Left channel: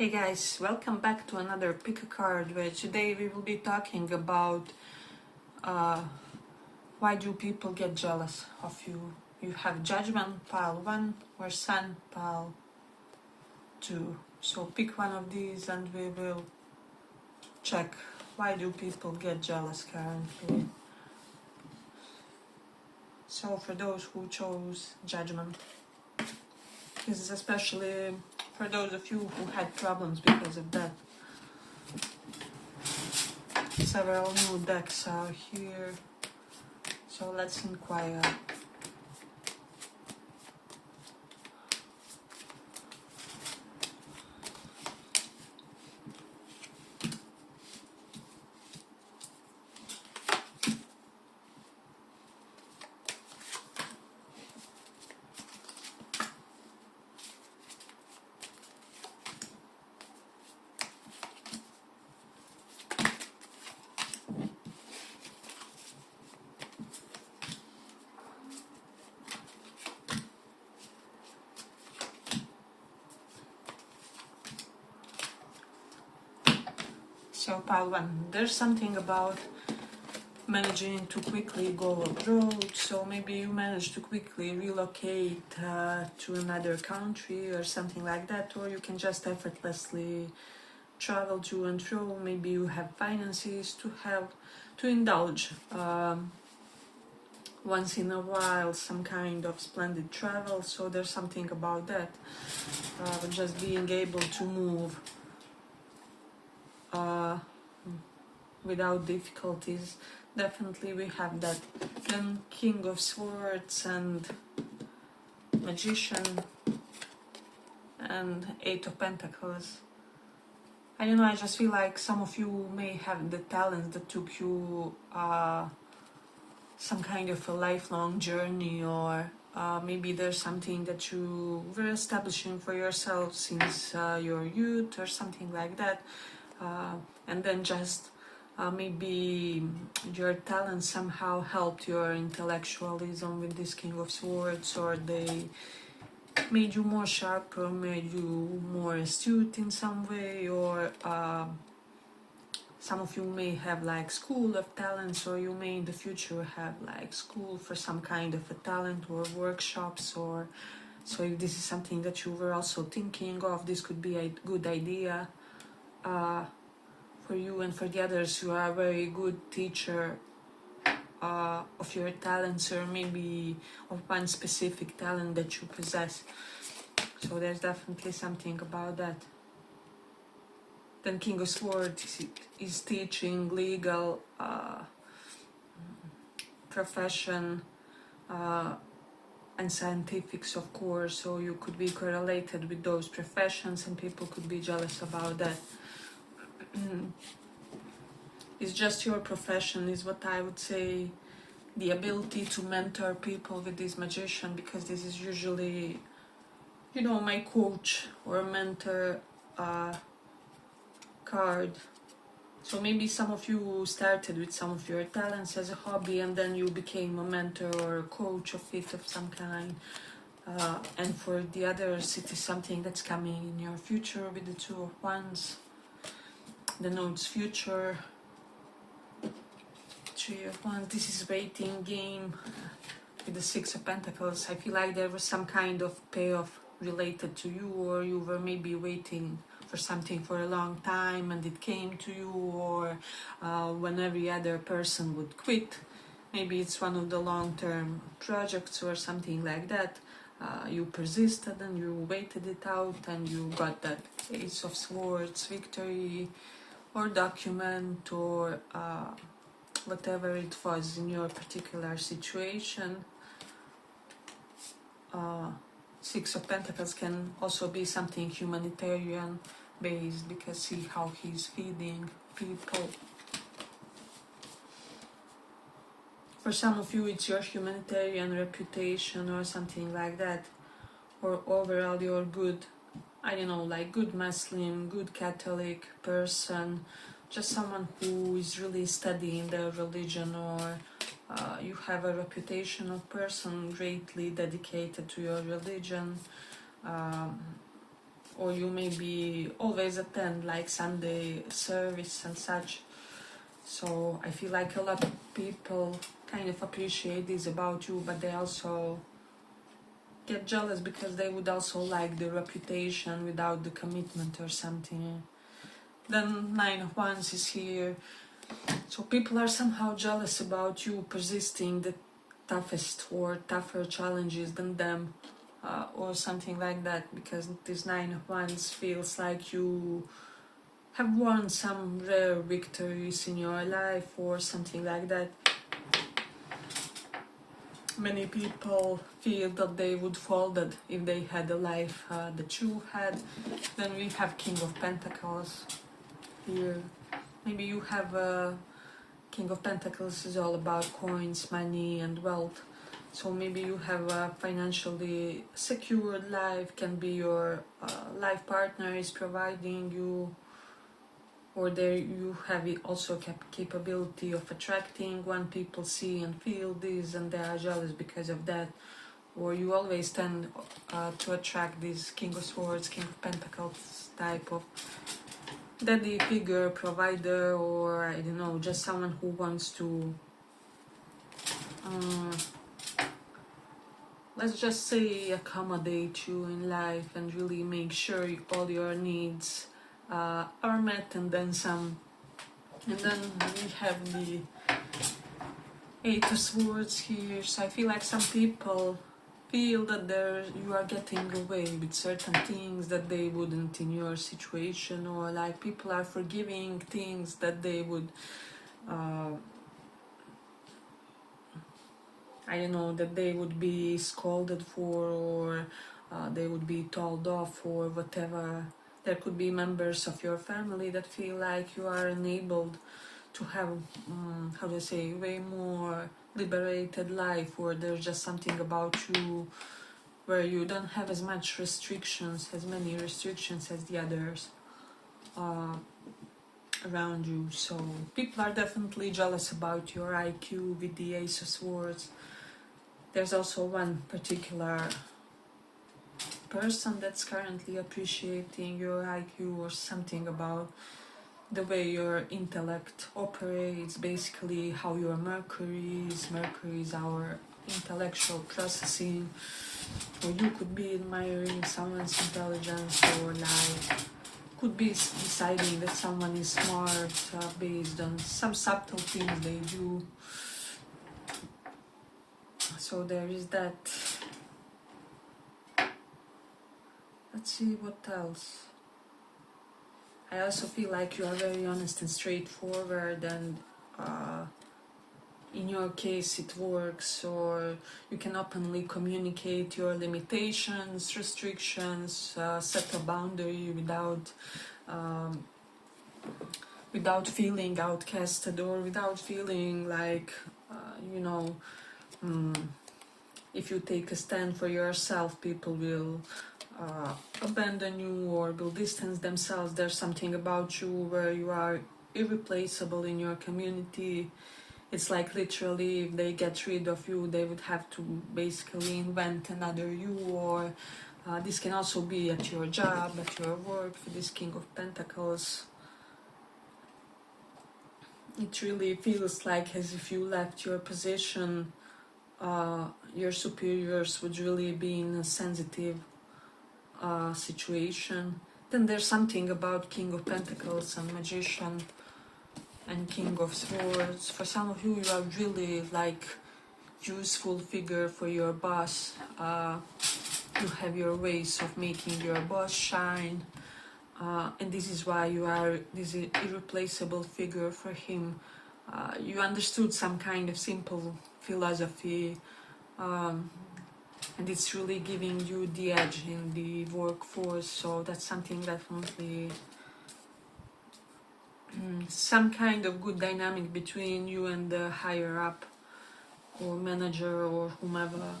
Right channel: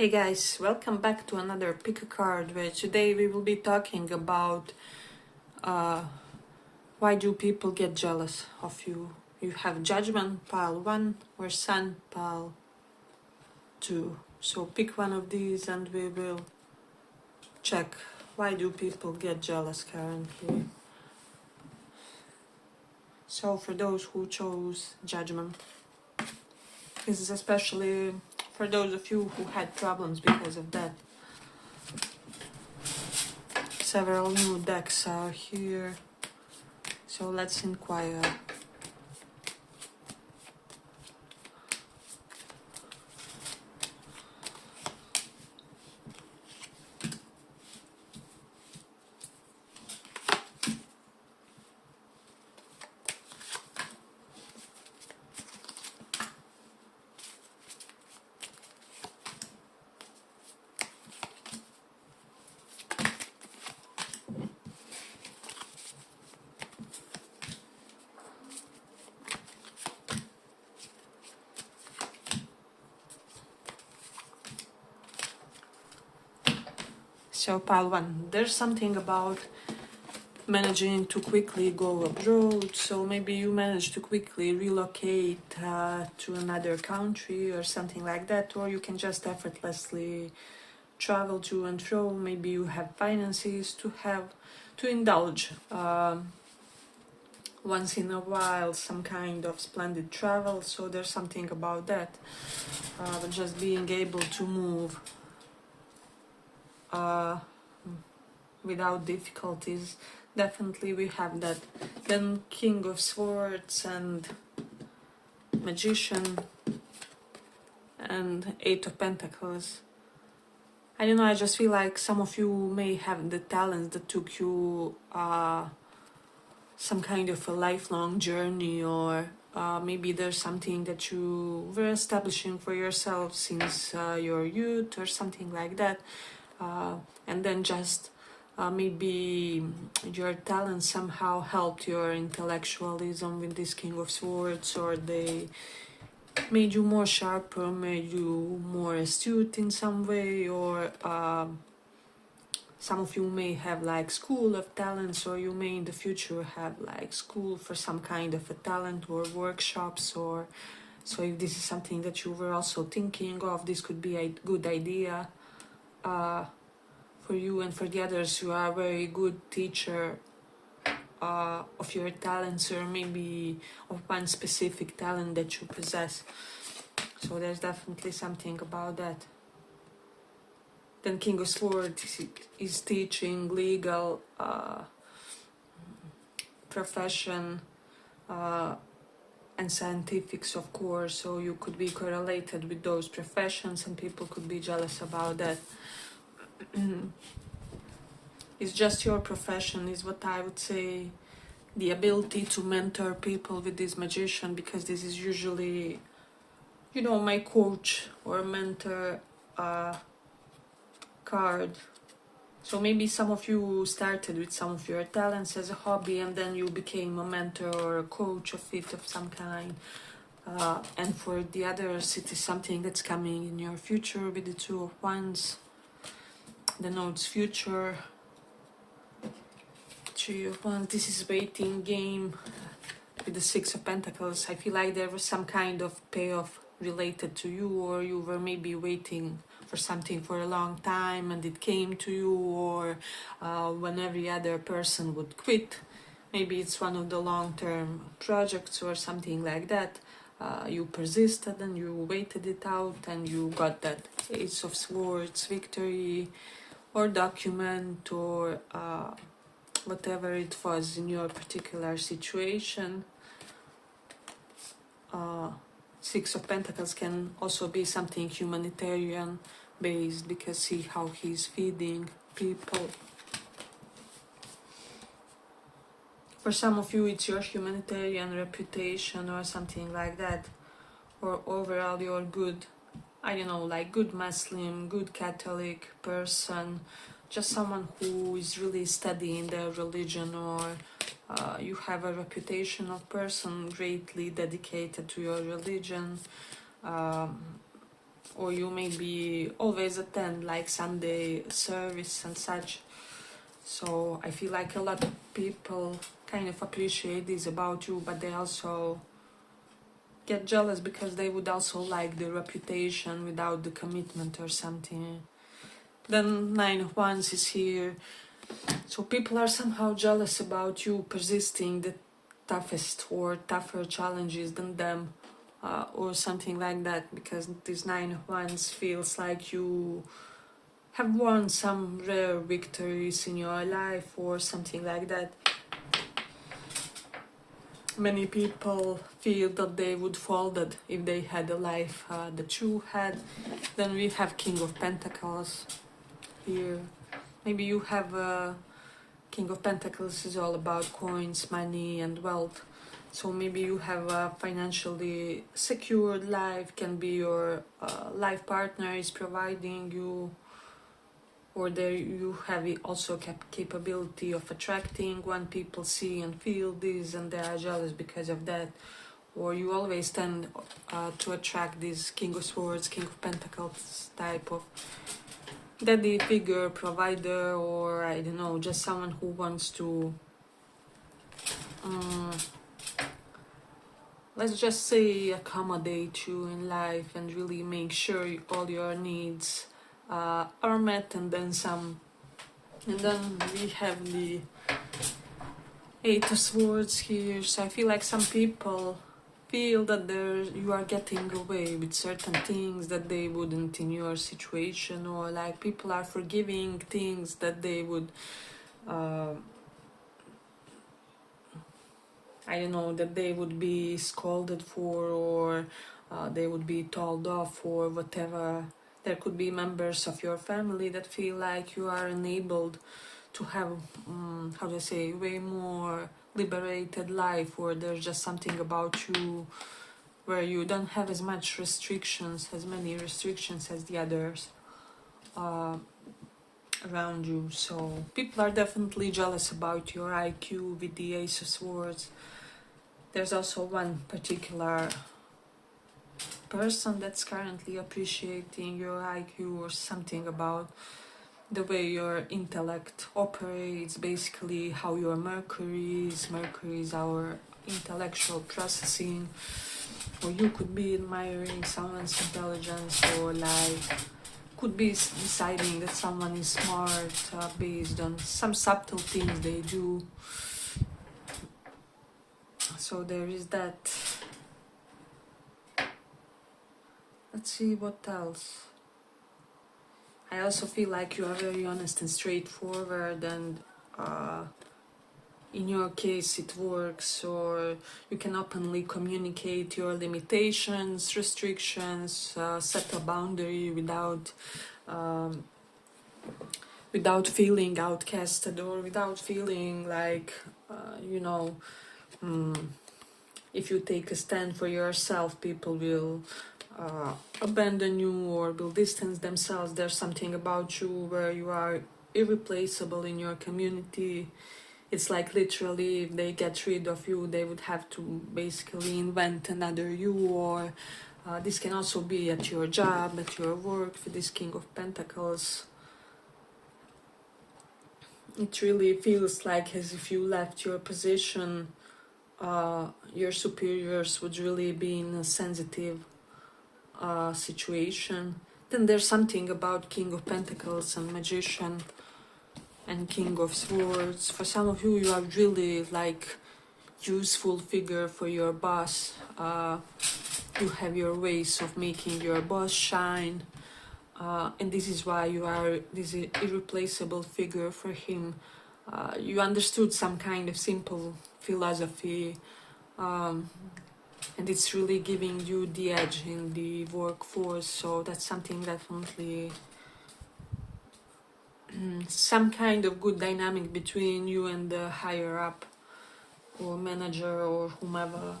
Hey guys, welcome back to another pick a card where today we will be talking about why do people get jealous of you. You have judgment pile 1 or sun pile 2. So pick one of these and we will check why do people get jealous currently. So for those who chose judgment, this is especially for those of you who had problems because of that. Several new decks are here, so let's inquire. So pile 1, there's something about managing to quickly go abroad, so maybe you manage to quickly relocate to another country or something like that, or you can just effortlessly travel to and fro. Maybe you have finances to indulge once in a while some kind of splendid travel, so there's something about that, just being able to move without difficulties. Definitely we have that. Then King of Swords and Magician and Eight of Pentacles. I don't know, I just feel like some of you may have the talents that took you some kind of a lifelong journey, or maybe there's something that you were establishing for yourself since your youth or something like that. And then just maybe your talent somehow helped your intellectualism with this King of Swords, or they made you more sharper, made you more astute in some way, or some of you may have like school of talents, or you may in the future have like school for some kind of a talent or workshops, or so if this is something that you were also thinking of, this could be a good idea for you. And for the others, you are a very good teacher of your talents, or maybe of one specific talent that you possess. So there's definitely something about that. Then King of Swords is teaching, legal, profession, and scientifics, of course. So you could be correlated with those professions, and people could be jealous about that. It's just your profession is what I would say. The ability to mentor people with this Magician, because this is usually, you know, my coach or mentor card. So maybe some of you started with some of your talents as a hobby, and then you became a mentor or a coach of it of some kind. And for the others, it is something that's coming in your future with the Two of Wands. The notes future. Three of Wands. This is waiting game with the Six of Pentacles. I feel like there was some kind of payoff related to you, or you were maybe waiting for something for a long time and it came to you, or when every other person would quit, maybe it's one of the long-term projects or something like that. You persisted and you waited it out and you got that Ace of Swords victory or document, or whatever it was in your particular situation. Six of Pentacles can also be something humanitarian based, because see how he's feeding people. For some of you, it's your humanitarian reputation or something like that, or overall you're good, I don't know, like good Muslim, good Catholic person, just someone who is really studying their religion, or you have a reputation of person greatly dedicated to your religion, or you maybe always attend like Sunday service and such. So I feel like a lot of people kind of appreciate this about you, but they also get jealous because they would also like the reputation without the commitment or something. Then Nine of Wands is here. So people are somehow jealous about you persisting the toughest or tougher challenges than them, or something like that, because this Nine of Wands feels like you have won some rare victories in your life or something like that. Many people feel that they would folded if they had a life that you had. Then we have King of Pentacles here. Maybe you have a King of Pentacles is all about coins, money and wealth. So maybe you have a financially secured life, can be your life partner is providing you, or there you have also capability of attracting when people see and feel this and they are jealous because of that. Or you always tend to attract this King of Swords, King of Pentacles type of daddy figure, provider, or I don't know, just someone who wants to let's just say accommodate you in life and really make sure all your needs are met, and then some. And then we have the Eight of Swords here. So I feel like some people feel that you are getting away with certain things that they wouldn't in your situation, or like people are forgiving things that they would I don't know, that they would be scolded for, or they would be told off or whatever. There could be members of your family that feel like you are enabled to have, how do I say, way more liberated life, or there's just something about you where you don't have as many restrictions as the others around you. So people are definitely jealous about your IQ with the Ace of Swords. There's also one particular person that's currently appreciating your IQ, or something about the way your intellect operates, basically how your Mercury is our intellectual processing. Or you could be admiring someone's intelligence, or like could be deciding that someone is smart based on some subtle things they do. So there is that. Let's see what else. I also feel like you are very honest and straightforward, and in your case it works, or you can openly communicate your limitations, restrictions, set a boundary without feeling outcasted, or without feeling like if you take a stand for yourself, people will abandon you or will distance themselves. There's something about you where you are irreplaceable in your community. It's like literally if they get rid of you, they would have to basically invent another you, or this can also be at your job, at your work, for this King of Pentacles. It really feels like as if you left your position, your superiors would really be in a sensitive situation. Then there's something about King of Pentacles and Magician and King of Swords. For some of you, you are really like useful figure for your boss. You have your ways of making your boss shine, and this is why you are this irreplaceable figure for him. You understood some kind of simple philosophy, and it's really giving you the edge in the workforce. So that's something definitely, some kind of good dynamic between you and the higher up or manager or whomever.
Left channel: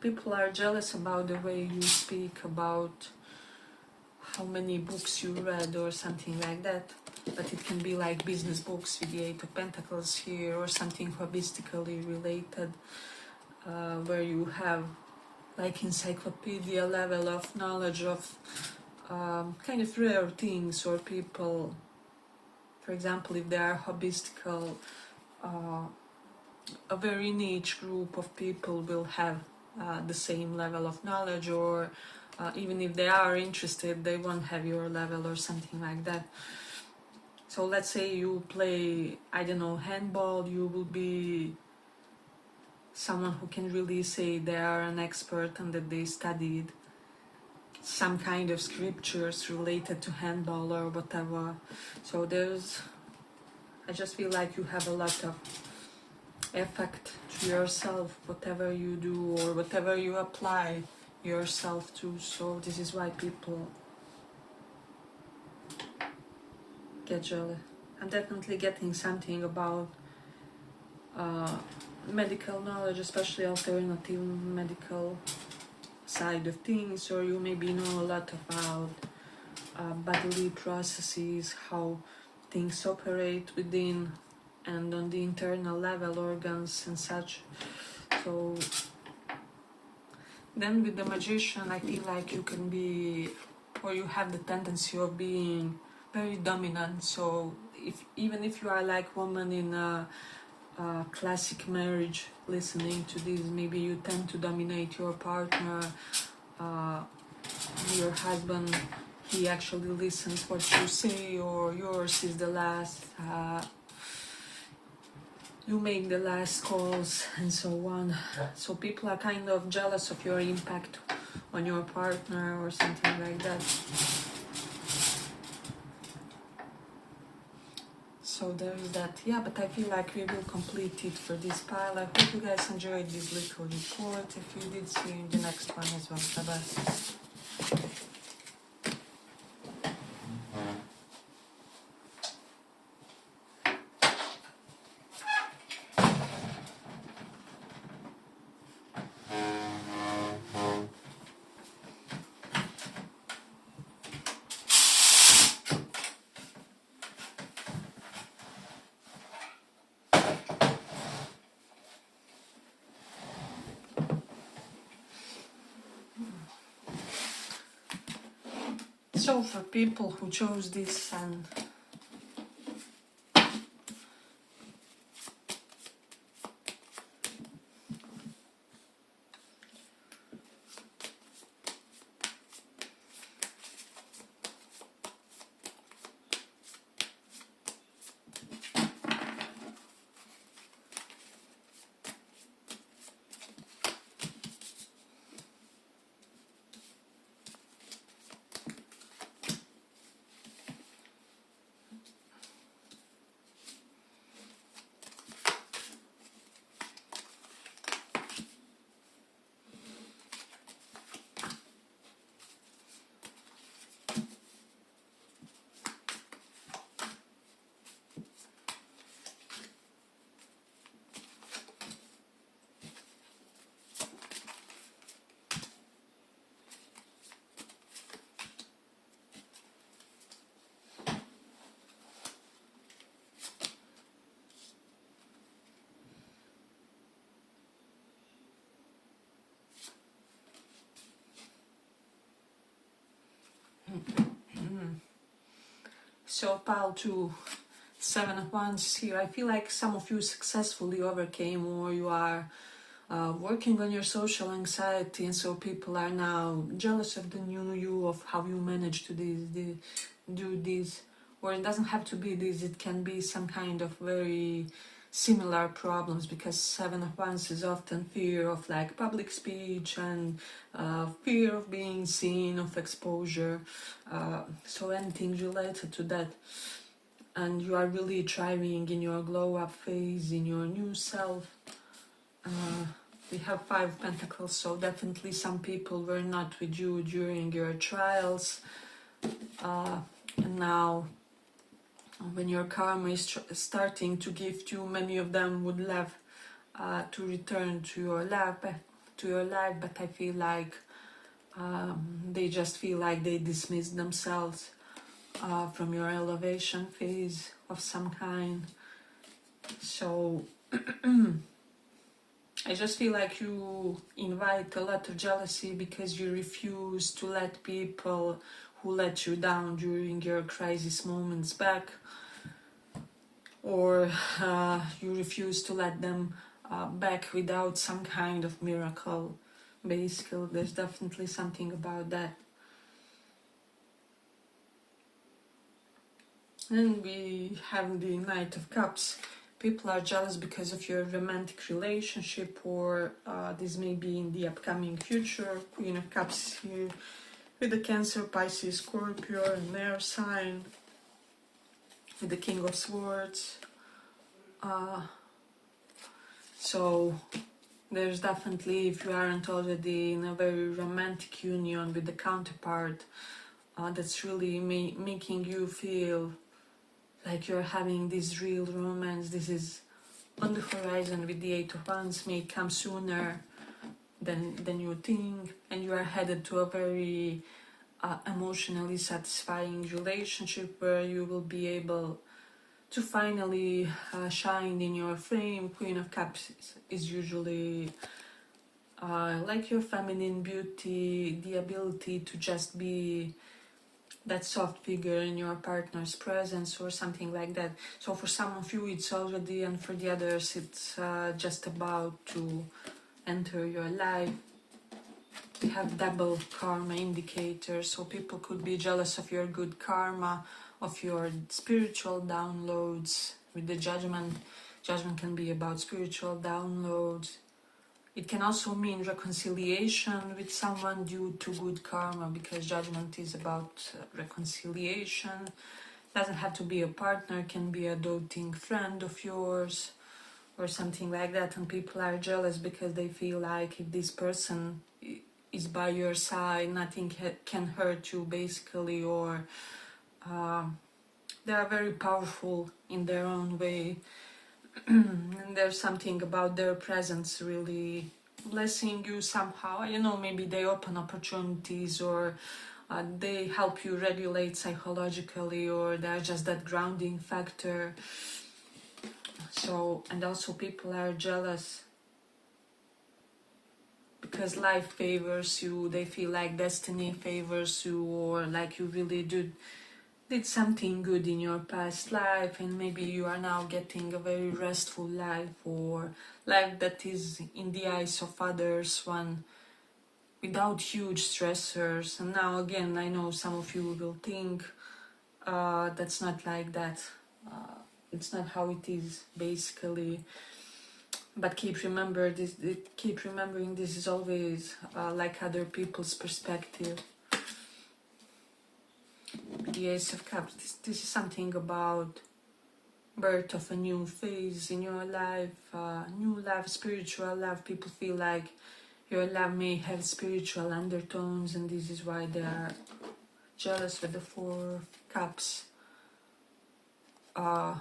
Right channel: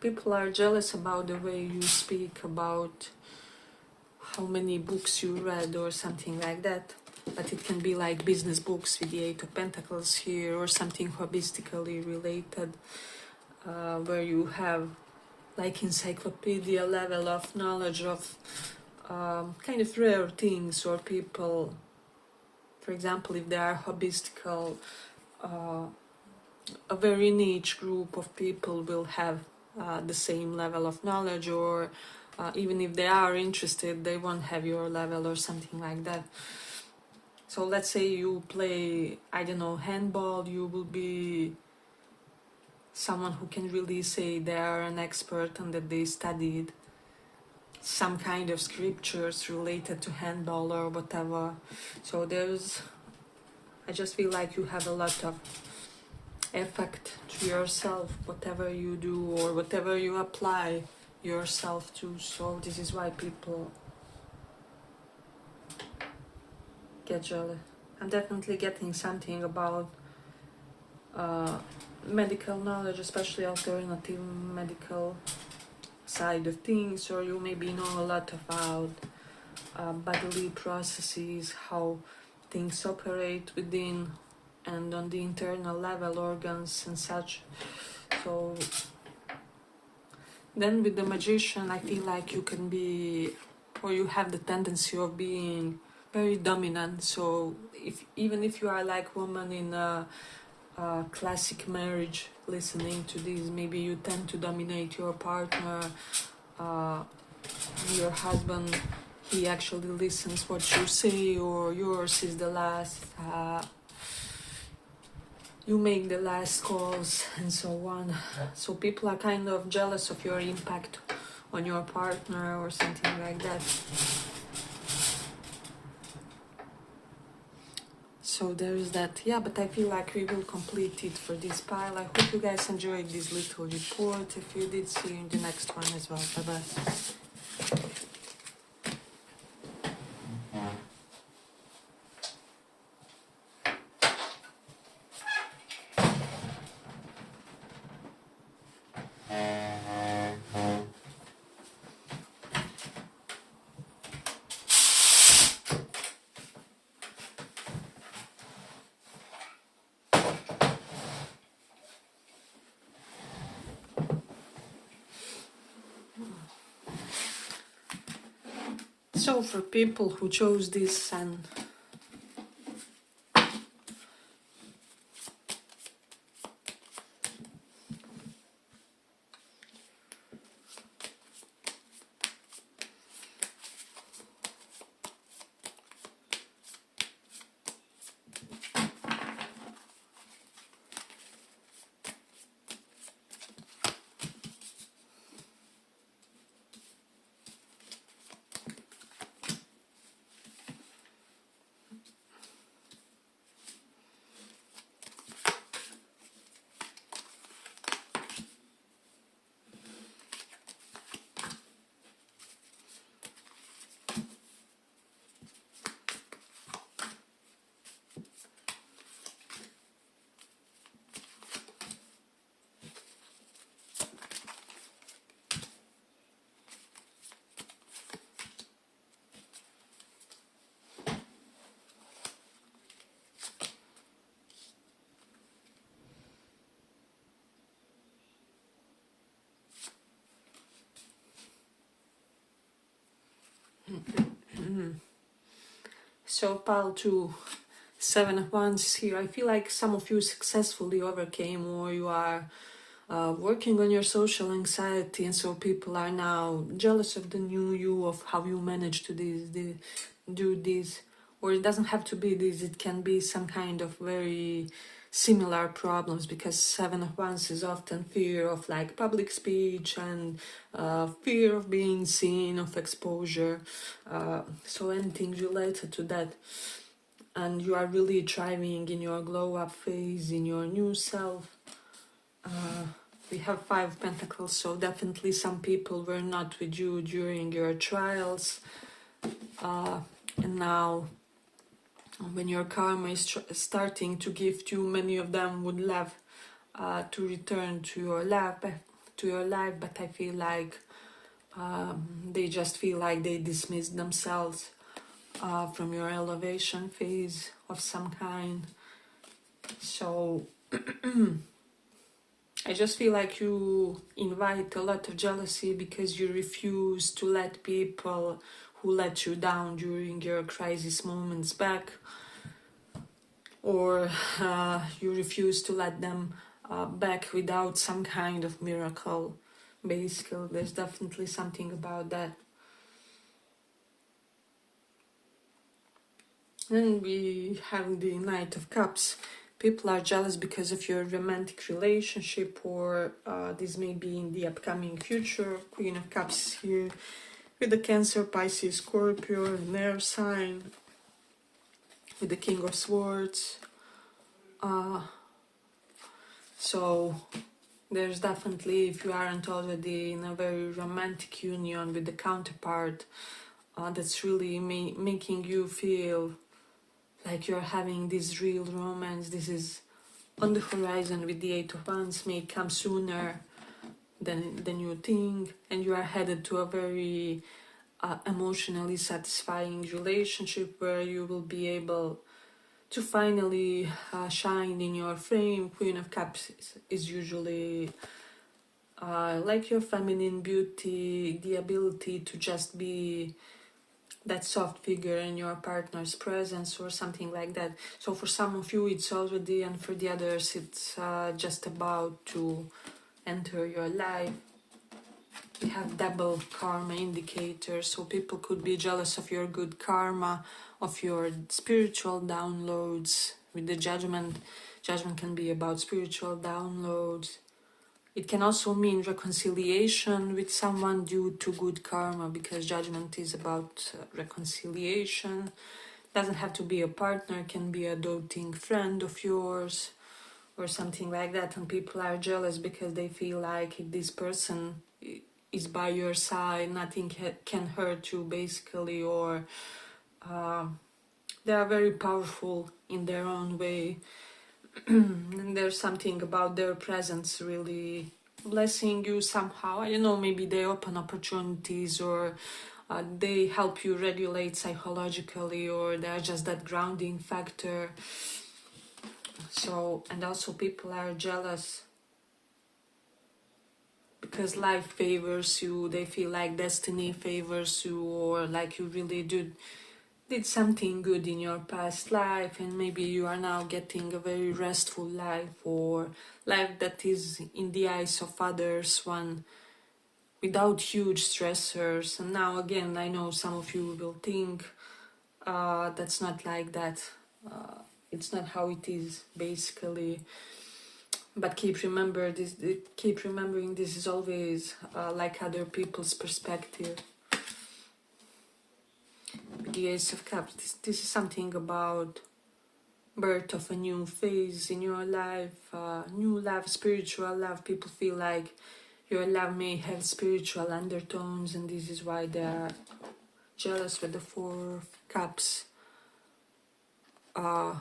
People are jealous about the way you speak, about how many books you read or something like that. But it can be like business books with the Eight of Pentacles here, or something holistically related, where you have like encyclopedia level of knowledge of kind of rare things, or people, for example, if they are hobbystical, a very niche group of people will have the same level of knowledge, or even if they are interested, they won't have your level or something like that. So let's say you play, I don't know, handball, you will be someone who can really say they are an expert and that they studied some kind of scriptures related to handball or whatever. So I just feel like you have a lot of effect to yourself, whatever you do or whatever you apply yourself to. So this is why people get jealous. I'm definitely getting something about medical knowledge, especially alternative medical side of things, or you maybe know a lot about bodily processes, how things operate within and on the internal level, organs and such. So then with the magician, I feel like you can be, or you have the tendency of being very dominant. So even if you are like woman in a classic marriage, listening to this, maybe you tend to dominate your partner, your husband, he actually listens what you say, or yours is the last, you make the last calls and so on. So people are kind of jealous of your impact on your partner or something like that. So there is that. Yeah, but I feel like we will complete it for this pile. I hope you guys enjoyed this little report. If you did, see you in the next one as well. Bye-bye. So for people who chose this and so pile 2, 7 of Wands here. I feel like some of you successfully overcame, or you are working on your social anxiety, and so people are now jealous of the new you, of how you manage to do this. Or it doesn't have to be this, it can be some kind of very similar problems, because 7 of Wands is often fear of like public speech and fear of being seen, of exposure, so anything related to that. And you are really thriving in your glow up phase, in your new self. We have 5 of Pentacles, so definitely some people were not with you during your trials, and now when your karma is starting to gift you, many of them would love to return to your life, but I feel like they just feel like they dismissed themselves from your elevation phase of some kind. So I just feel like you invite a lot of jealousy because you refuse to let people who let you down during your crisis moments back, or you refuse to let them back without some kind of miracle. Basically, there's definitely something about that. Then we have the Knight of Cups. People are jealous because of your romantic relationship, or this may be in the upcoming future. Queen of Cups here with the Cancer, Pisces, Scorpio, and their sign, with the King of Swords. So there's definitely, if you aren't already in a very romantic union with the counterpart, that's really making you feel like you're having this real romance. This is on the horizon with the Eight of Wands, may come sooner than you think, and you are headed to a very emotionally satisfying relationship where you will be able to finally shine in your frame. Queen of Cups is usually like your feminine beauty, the ability to just be that soft figure in your partner's presence or something like that. So for some of you it's already, and for the others it's just about to enter your life. We have double karma indicators, so people could be jealous of your good karma, of your spiritual downloads. With the judgment, judgment can be about spiritual downloads. It can also mean reconciliation with someone due to good karma, because judgment is about reconciliation. Doesn't have to be a partner, can be a doting friend of yours or something like that. And people are jealous because they feel like if this person is by your side, nothing can hurt you, basically, or they are very powerful in their own way. And there's something about their presence really blessing you somehow. I don't know, maybe they open opportunities, or they help you regulate psychologically, or they're just that grounding factor. So, and also people are jealous because life favors you. They feel like destiny favors you, or like you really did something good in your past life, and maybe you are now getting a very restful life, or life that is in the eyes of others one without huge stressors. And now again, I know some of you will think that's not like that, it's not how it is, basically. But keep remembering this is always like other people's perspective. The Ace of Cups, this is something about birth of a new phase in your life, new love, spiritual love. People feel like your love may have spiritual undertones, and this is why they are jealous. With the Four of Cups, have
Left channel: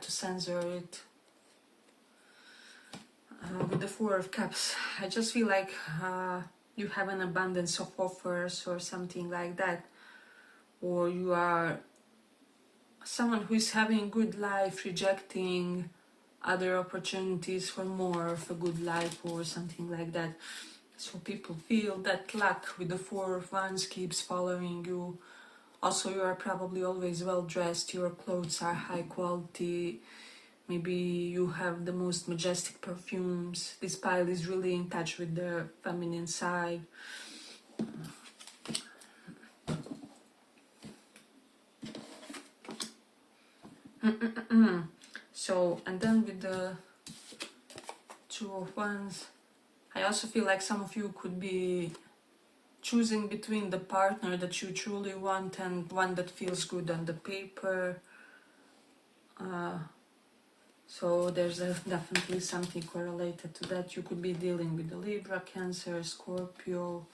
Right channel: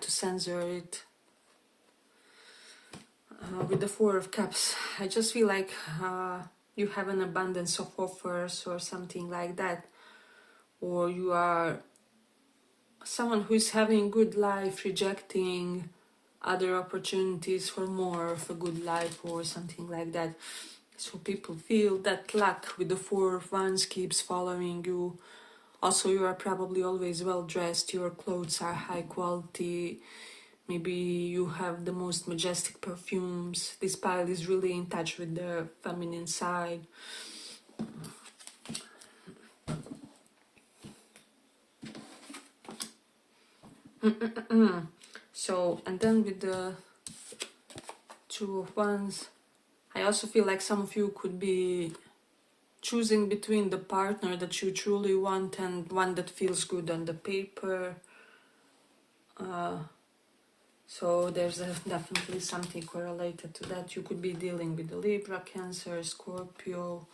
to censor it. With the Four of Cups, I just feel like you have an abundance of offers or something like that, or you are someone who is having good life, rejecting other opportunities for more of a good life or something like that. So people feel that luck with the Four of Wands keeps following you. Also, you are probably always well dressed, your clothes are high quality, maybe you have the most majestic perfumes. This pile is really in touch with the feminine side. So, and then with the Two of Wands, I also feel like some of you could be choosing between the partner that you truly want and one that feels good on the paper. So there's definitely something correlated to that. You could be dealing with the Libra, Cancer, Scorpio.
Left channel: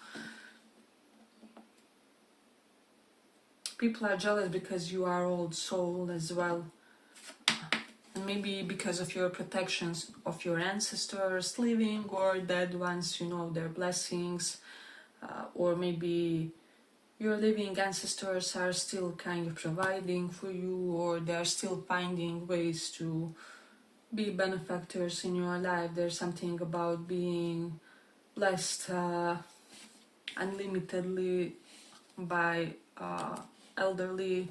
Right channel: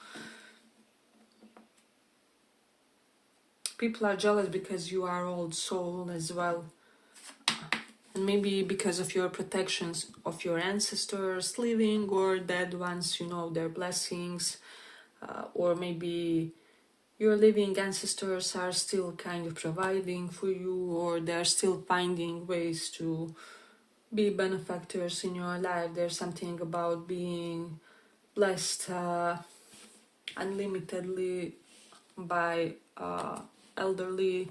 People are jealous because you are old soul as well. And maybe because of your protections of your ancestors, living or dead ones, you know, their blessings. Or maybe your living ancestors are still kind of providing for you, or they're still finding ways to be benefactors in your life. There's something about being blessed unlimitedly by elderly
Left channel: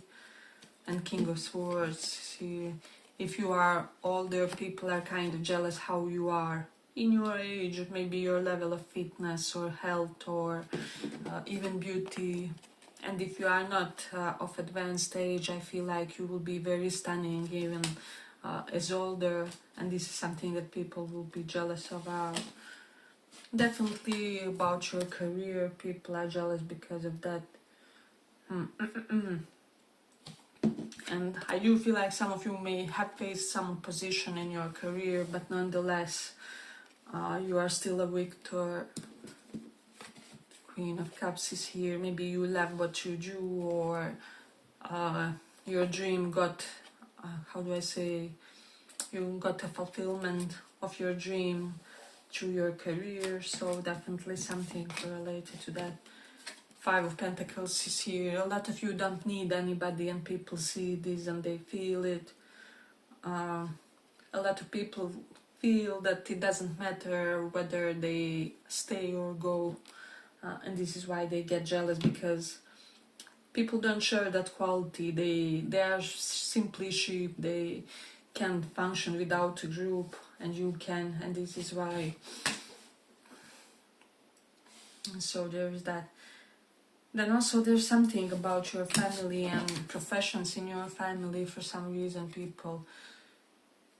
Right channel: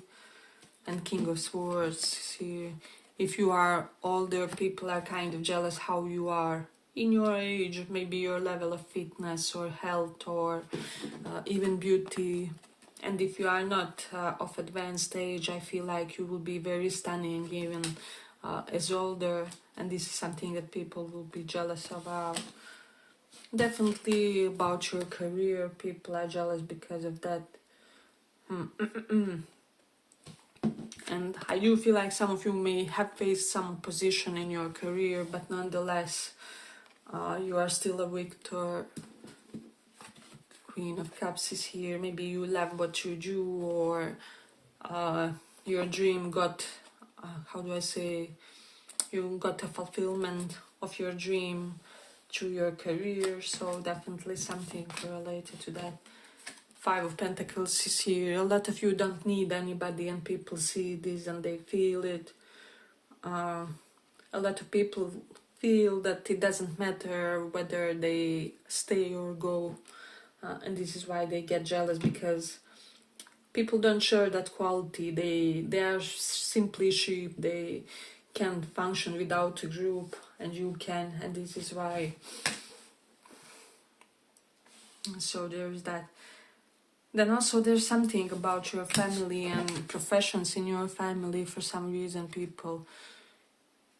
and King of Swords. See, if you are older, people are kind of jealous how you are in your age, maybe your level of fitness or health or even beauty. And if you are not of advanced age, I feel like you will be very stunning even as older, and this is something that people will be jealous about. Definitely about your career, people are jealous because of that. And I do feel like some of you may have faced some opposition in your career, but nonetheless, you are still a victor. Queen of Cups is here. Maybe you love what you do, or your dream got, how do I say, you got a fulfillment of your dream through your career, so definitely something related to that. Five of Pentacles is here. A lot of you don't need anybody, and people see this and they feel it. A lot of people feel that it doesn't matter whether they stay or go, and this is why they get jealous, because people don't share that quality. They are simply sheep. They can't function without a group, and you can, and this is why. So there is that. Then also there's something about your family and professions in your family. For some reason, people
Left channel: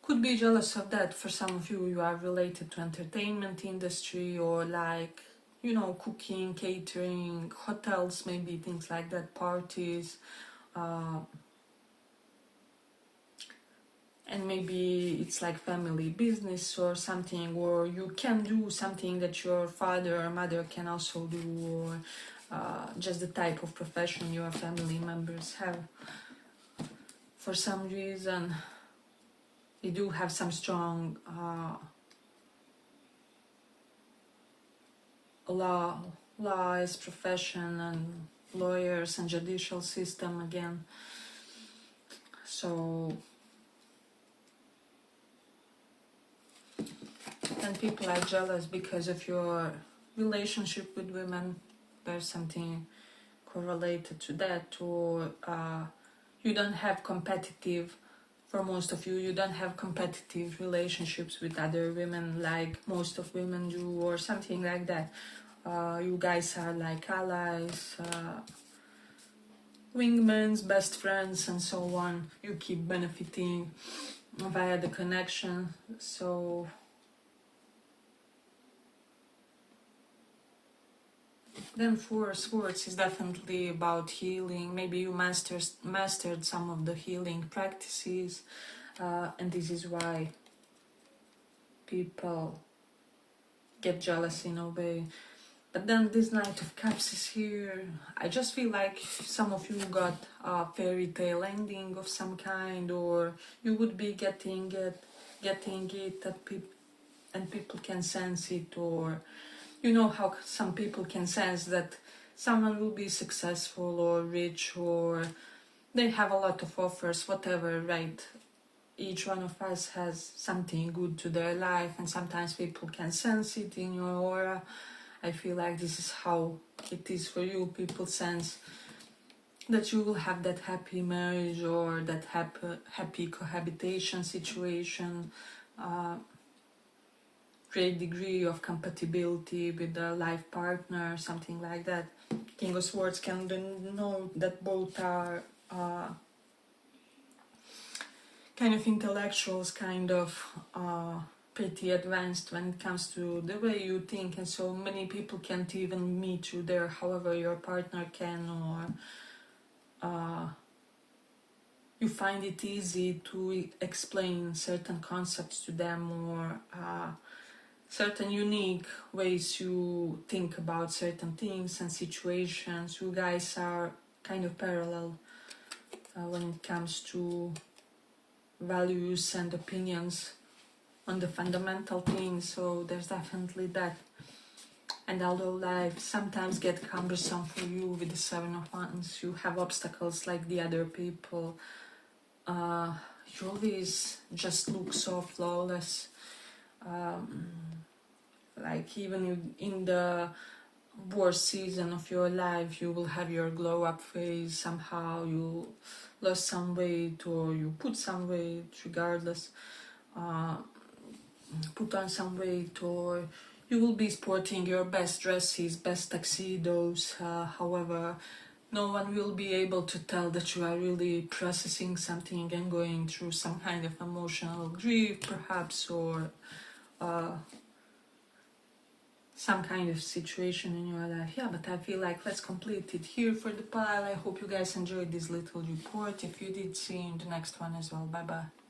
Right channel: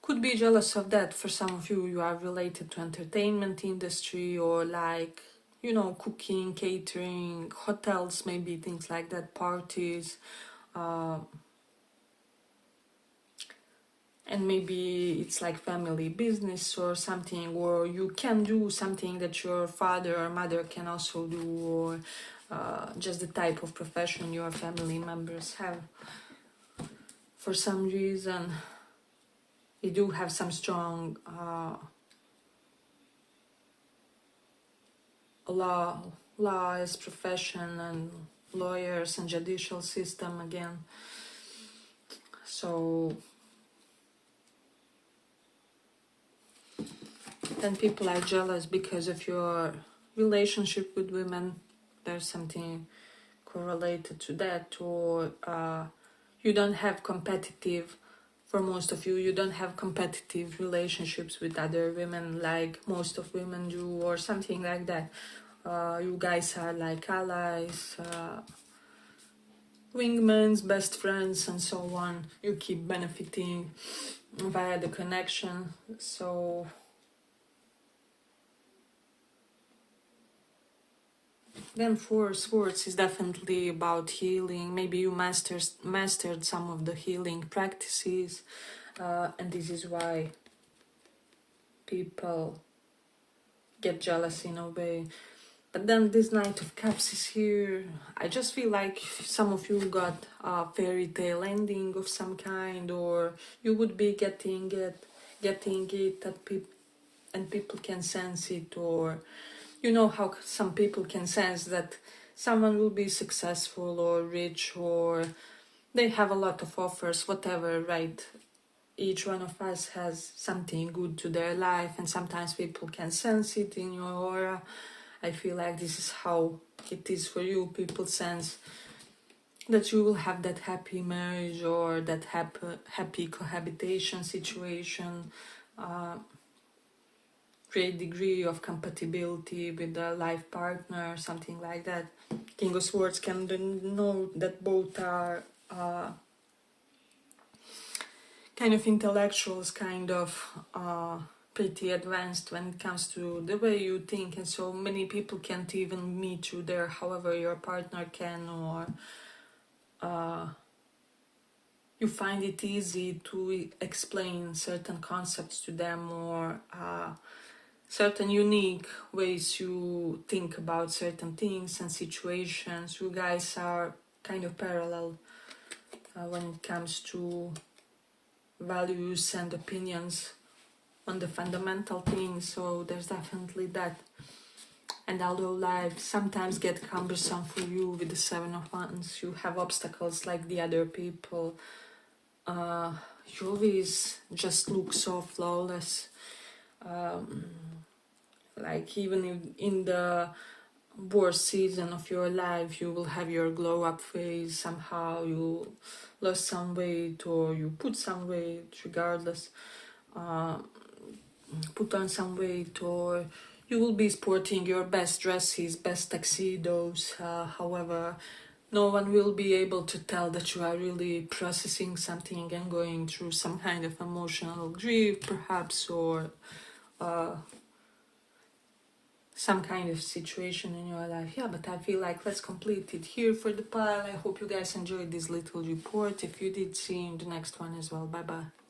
could be jealous of that. For some of you, you are related to entertainment industry, or like, you know, cooking, catering, hotels, maybe things like that, parties. And maybe it's like family business or something, or you can do something that your father or mother can also do, or just the type of profession your family members have. For some reason, you do have some strong laws, profession, and lawyers and judicial system again. So then people are jealous because of your relationship with women. There's something correlated to that, or you don't have competitive, for most of you, you don't have competitive relationships with other women like most of women do, or something like that. You guys are like allies, wingmans, best friends, and so on. You keep benefiting via the connection. So then Four Swords is definitely about healing. Maybe you mastered some of the healing practices, and this is why people get jealous in a way. But then this Knight of Cups is here. I just feel like some of you got a fairy tale ending of some kind, or you would be getting it that people can sense it, or you know how some people can sense that someone will be successful or rich, or they have a lot of offers, whatever, right? Each one of us has something good to their life, and sometimes people can sense it in your aura. I feel like this is how it is for you. People sense that you will have that happy marriage, or that happy cohabitation situation, great degree of compatibility with a life partner, something like that. King of Swords can know that both are kind of intellectuals, kind of pretty advanced when it comes to the way you think, and so many people can't even meet you there. However, your partner can, or you find it easy to explain certain concepts to them, or certain unique ways you think about certain things and situations. You guys are kind of parallel when it comes to values and opinions on the fundamental things, so there's definitely that. And although life sometimes gets cumbersome for you with the Seven of Wands, you have obstacles like the other people. you always just look so flawless. Like even in the worst season of your life, you will have your glow up phase. Somehow you lost some weight or you put some weight, regardless. Put on some weight, or you will be sporting your best dresses, best tuxedos. However, no one will be able to tell that you are really processing something and going through some kind of emotional grief, perhaps, or some kind of situation in your life. Yeah, but I feel like let's complete it here for the pile. I hope you guys enjoyed this little report. If you did, see you in the next one as well. Bye bye.